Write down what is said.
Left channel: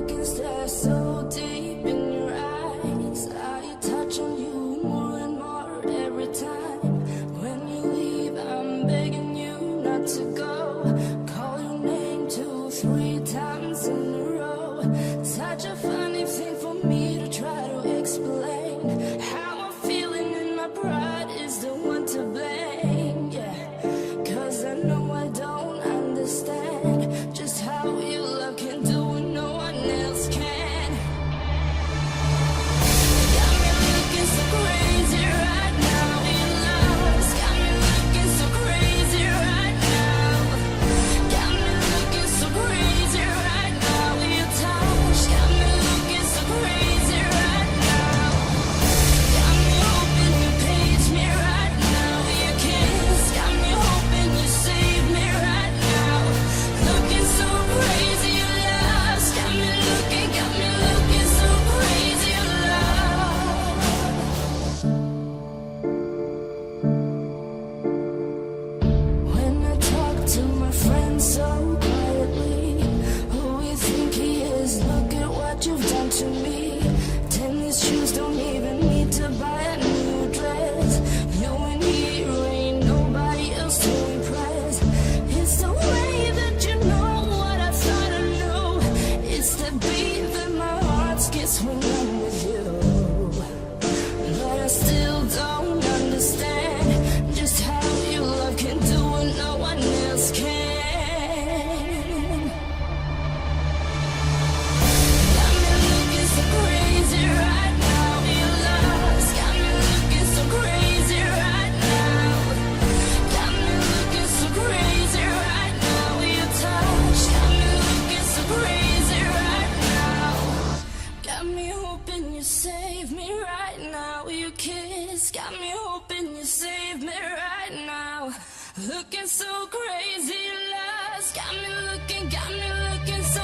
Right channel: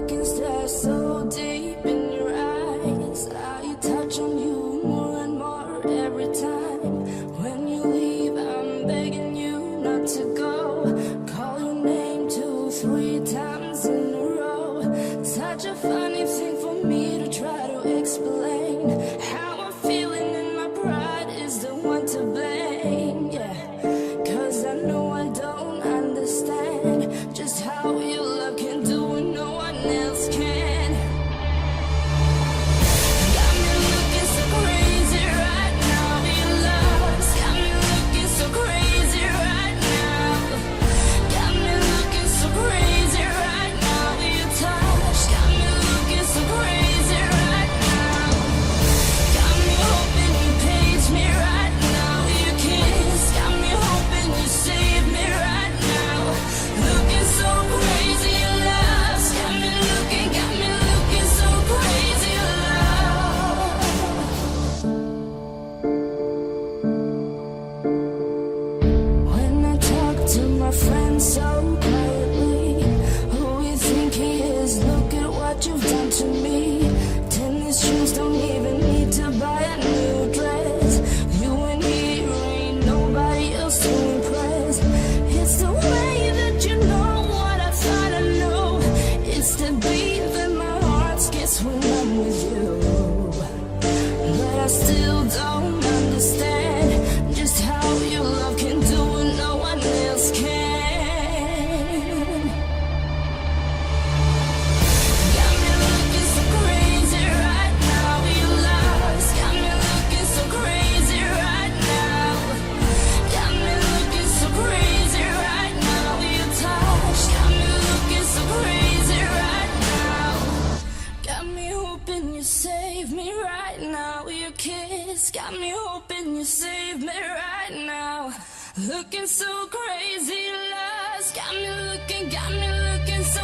look and stare so deep in your eyes. I touch on you more and more every time. When you leave, I'm begging you not to go. Call your name 2, 3 times in a row. Such a funny thing for me to try to explain. How I'm feeling and my pride is the one to blame. Yeah, 'cause I know I don't understand just how your love can do what no one else can. Got me looking so crazy right now. Your love's got me looking so crazy right now. Got me looking so crazy right now. Your touch got me looking so crazy right now. Got me hoping you page me right now. Your kiss got me hoping you save me right now. Looking so crazy, your love's got me looking so crazy, your love. When I talk to my friends so quietly, who you think he is? Look at what you've done to me. Tennis shoes, don't even need to buy a new dress. You and here ain't nobody else to impress. It's the way that you know what I thought I knew. It's the beat that my heart skips when I'm with you. But I still don't understand just how your love can do what no one else can. Got me looking so crazy right now. Your love's got me looking so crazy right now. Got me looking so crazy right now. Your touch got me looking so crazy right now. Got me hoping you save me right now. Your kiss got me hoping you save me right now. Looking so crazy, love's got me looking so